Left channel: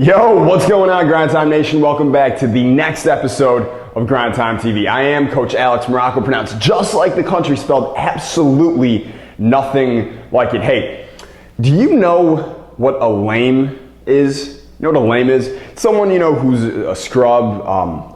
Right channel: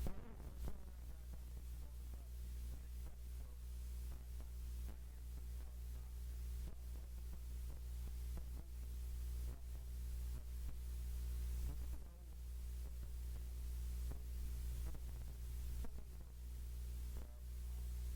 Yo, what's going on, Grind Time Nation? Welcome back to the next episode of Grind Time TV. I am Coach Alex Maroko, pronounced just like the country, spelled absolutely nothing like it. Hey, do you know what a lame is? You know what a lame is? Someone, who's a scrub,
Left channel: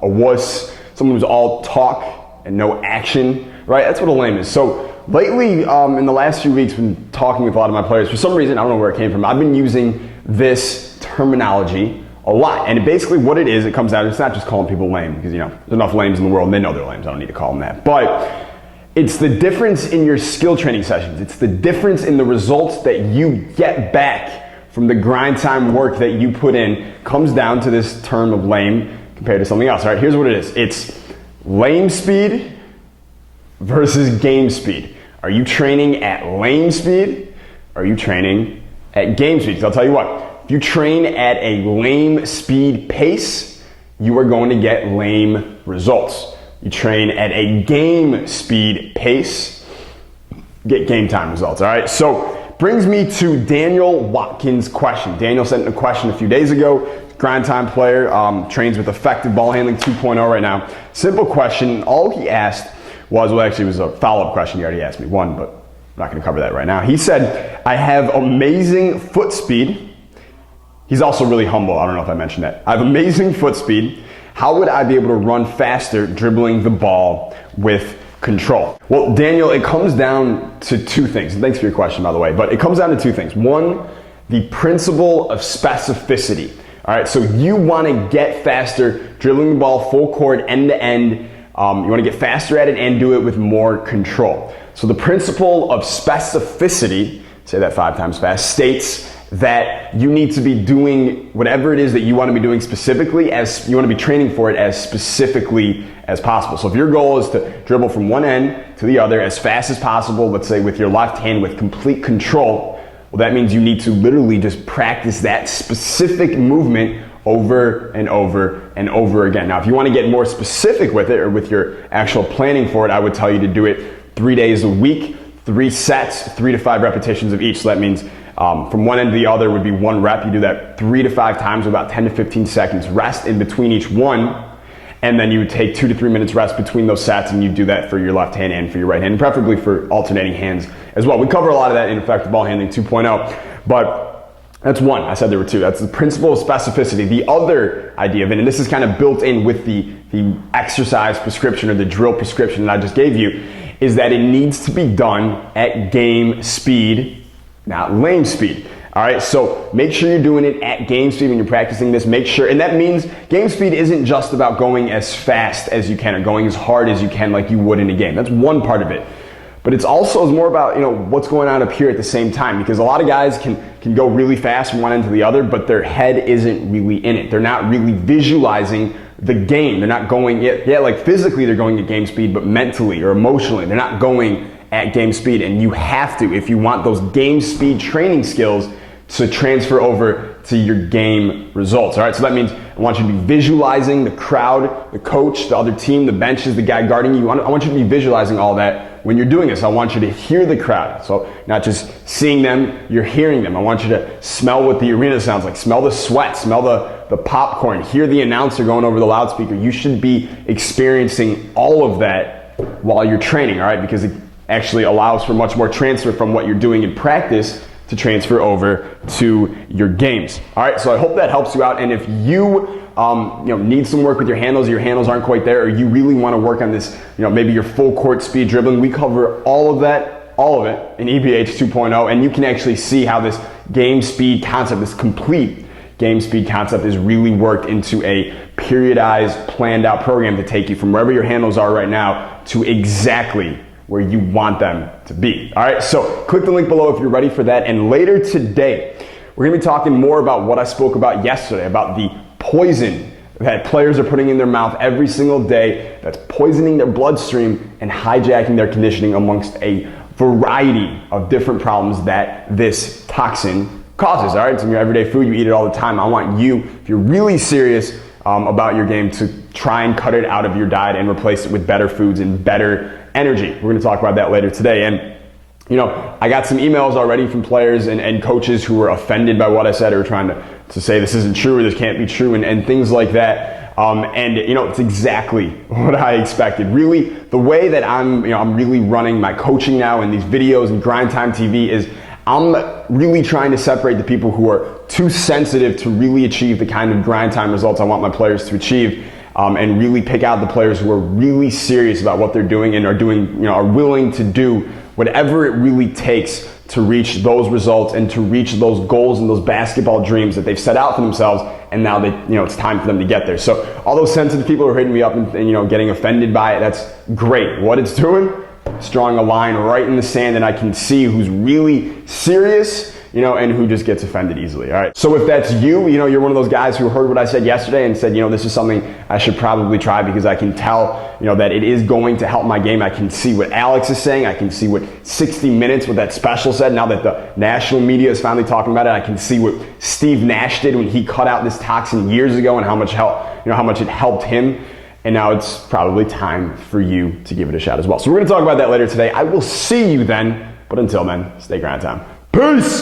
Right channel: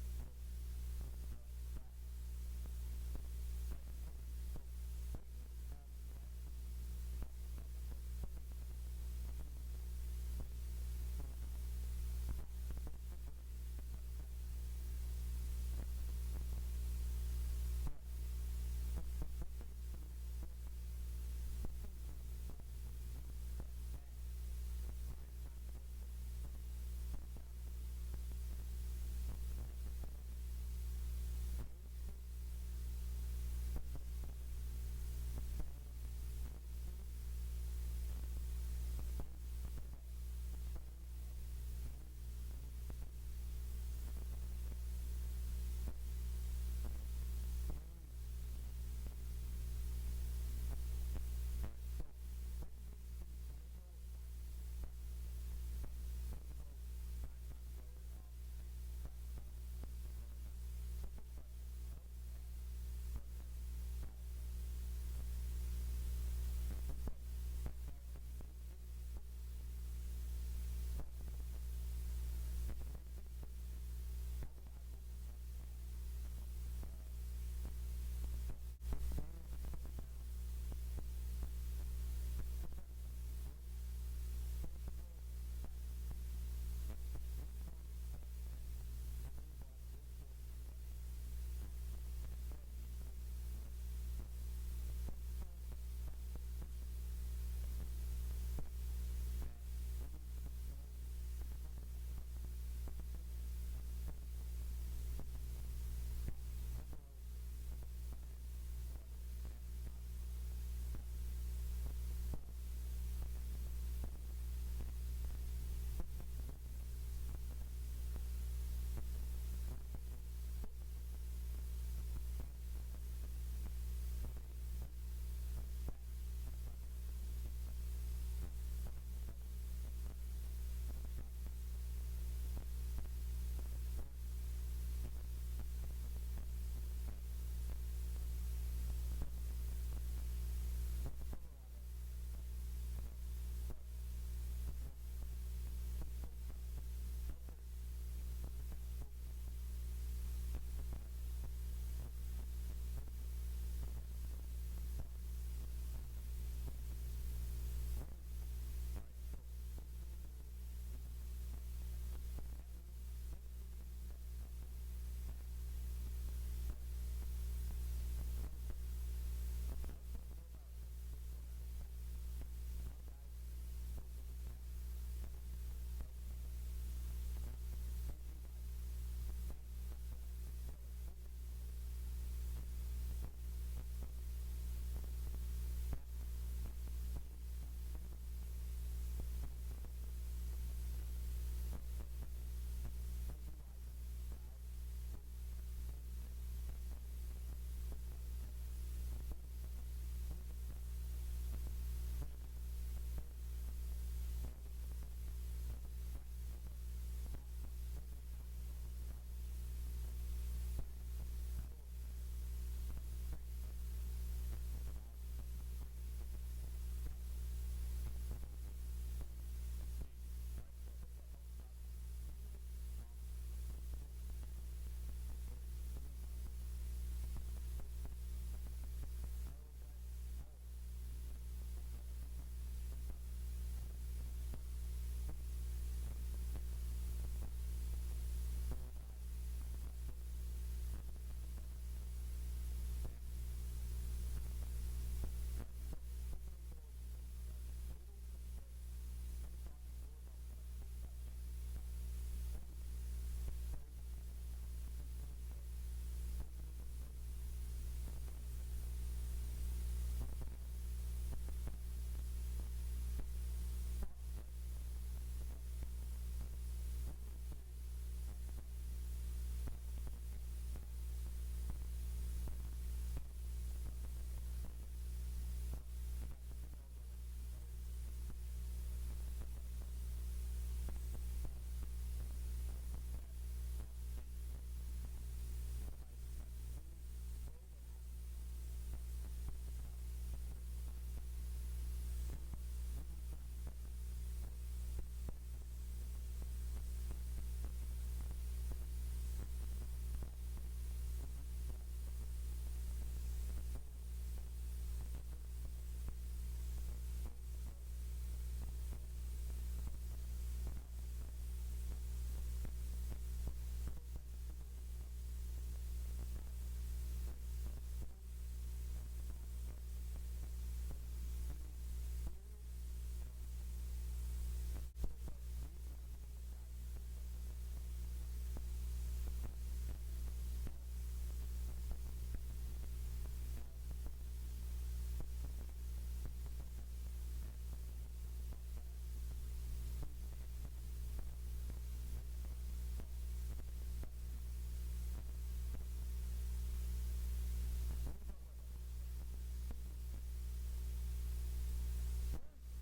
a wuss, someone who's all talk and no action, right? That's what a lame is. So lately, in the last few weeks, I've been talking with a lot of my players. For some reason, I don't know where it came from, I've been using this terminology a lot. And basically what it is, it comes out, it's not just calling people lame, because there's enough lames in the world and they know they're lames. I don't need to call them that. But it's the difference in your skill training sessions. It's the difference in the results that you get back from the grind time work that you put in comes down to this term of lame compared to something else. All right, here's what it is. It's lame speed versus game speed. Are you training at lame speed? Or are you training at game speed? So I'll tell you what. If you train at a lame speed pace, you are going to get lame results. You train at a game speed pace, get game time results, all right? So brings me to Daniel Watkins' question. Daniel sent a question a few days ago, grind time player, trains with Effective Ball Handling 2.0 right now. Simple question, all he asked was, well actually it was a follow-up question, he already asked me one, but I'm not gonna cover that right now. He said, I have amazing foot speed. He's also really humble. I don't know if I mentioned that. I have amazing foot speed. How would I be able to run faster dribbling the ball with control? Well, Daniel, it comes down to two things. Thanks for your question, by the way. But it comes down to two things. One, the principle of specificity. All right, so you want to get faster dribbling the ball full court, end to end. You want to get faster at it and do it with more control. So the principle of specificity, say that 5 times fast, states that you need to be doing whatever it is that you want to be doing specifically, as you want to be training for it as specifically as possible. So if your goal is to dribble from one end to the other as fast as possible, let's say with your left hand with complete control, well, that means you need to literally just practice that specific movement over and over and over again. Now, if you want to get more specific with it or with your actual planning for it, I would tell you to do it 3 days a week, 3 sets, 3 to 5 repetitions of each. So that means from one end to the other would be 1 rep. You do that 3 to 5 times, about 10 to 15 seconds rest in between each one. And then you would take 2 to 3 minutes rest between those sets, and you do that for your left hand and for your right hand, and preferably for alternating hands as well. We cover a lot of that in Effective Ball Handling 2.0, but that's one. I said there were 2. That's the principle of specificity. The other idea of it, and this is kind of built in with the exercise prescription or the drill prescription that I just gave you, is that it needs to be done at game speed, not lame speed. All right, so make sure you're doing it at game speed when you're practicing this. Make sure, and that means game speed isn't just about going as fast as you can or going as hard as you can like you would in a game. That's one part of it. But it's also more about what's going on up here at the same time, because a lot of guys can go really fast from one end to the other, but their head isn't really in it. They're not really visualizing the game. They're not going, like physically they're going at game speed, but mentally or emotionally, they're not going at game speed. And you have to, if you want those game speed training skills to transfer over to your game results. All right, so that means I want you to be visualizing the crowd, the coach, the other team, the benches, the guy guarding you. I want you to be visualizing all that when you're doing this. I want you to hear the crowd. So not just seeing them, you're hearing them. I want you to smell what the arena sounds like, smell the sweat, smell the popcorn, hear the announcer going over the loudspeaker. You should be experiencing all of that while you're training, all right, because it actually allows for much more transfer from what you're doing in practice to transfer over to your games. All right, so I hope that helps you out. And if you need some work with your handles aren't quite there, or you really want to work on this, maybe your full court speed dribbling, we cover all of it in EBH 2.0, and you can actually see how this game speed concept, this complete game speed concept, is really worked into a periodized, planned out program to take you from wherever your handles are right now to exactly where you want them to be. All right, so click the link below if you're ready for that. And later today, we're gonna be talking more about what I spoke about yesterday, about the poison that players are putting in their mouth every single day that's poisoning their bloodstream and hijacking their conditioning, amongst a variety of different problems that this toxin causes. All right, it's in your everyday food, you eat it all the time. I want you, if you're really serious about your game, to try and cut it out of your diet and replace it with better foods and better energy. We're going to talk about that later today. And I got some emails already from players and coaches who were offended by what I said, or were trying to say this isn't true or this can't be true and things like that. It's exactly what I expected. Really, the way that I'm really running my coaching now and these videos and Grind Time TV is I'm really trying to separate the people who are too sensitive to really achieve the kind of grind time results I want my players to achieve, and really pick out the players who are really serious about what they're doing and are willing to do whatever it really takes to reach those results and to reach those goals and those basketball dreams that they've set out for themselves, and now it's time for them to get there. So all those sensitive people who are hitting me up and getting offended by it, that's great. What it's doing, it's drawing a line right in the sand, and I can see who's really serious, and who just gets offended easily. All right. So if that's you're one of those guys who heard what I said yesterday and said, this is something I should probably try because I can tell, that it is going to help my game. I can see what Alex is saying. I can see what 60 Minutes, what that special said. Now that the national media is finally talking about it, I can see what Steve Nash did when he cut out this toxin years ago and how much it helped him. And now it's probably time for you to give it a shot as well. So we're going to talk about that later today. I will see you then. But until then, stay grind time. Peace!